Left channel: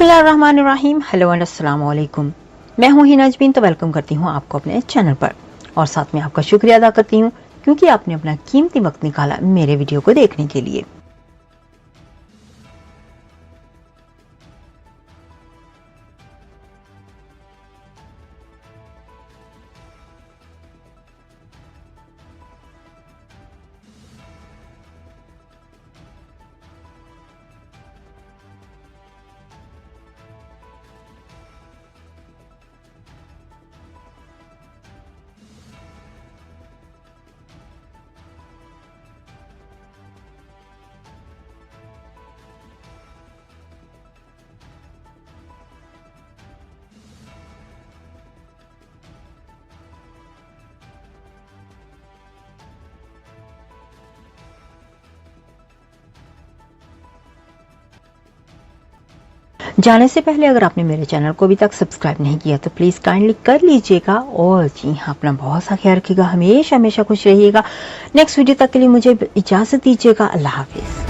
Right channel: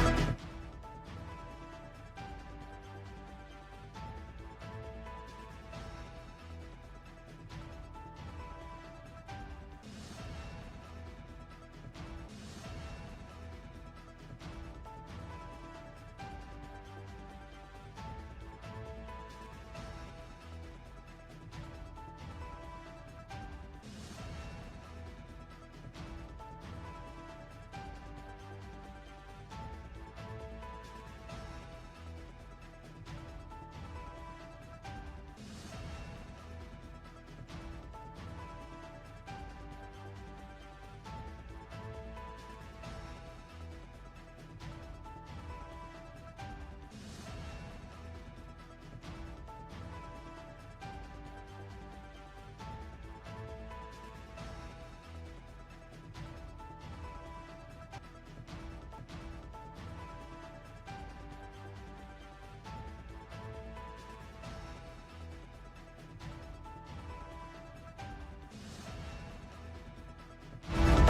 बिस्मिल्लाहिर्रहमानिर्रहीम। Hello and अस्सलाम वालेकुम। मैं हूं हिना अजमीन, तो वेलकम करती हूं आपको अपने चैनल पर और साथ में आपका शुक्रिया अदा करती हूं क्योंकि आपने अपना कीमती वक्त निकाला मेरे वीडियो को देखने के लिए। जाने से पहले अगर आपने मेरे चैनल को अभी तक सब्सक्राइब नहीं किया तो प्लीज़ काइंडली कर लीजिएगा और जी हाँ, अपना बहुत सा ख्याल रखिएगा, हमेशा हमेशा खुश रहिएगा। नेक्स्ट वीडियो तक के लिए मुझे इजाज़त दीजिएगा। अल्लाह हाफिज़।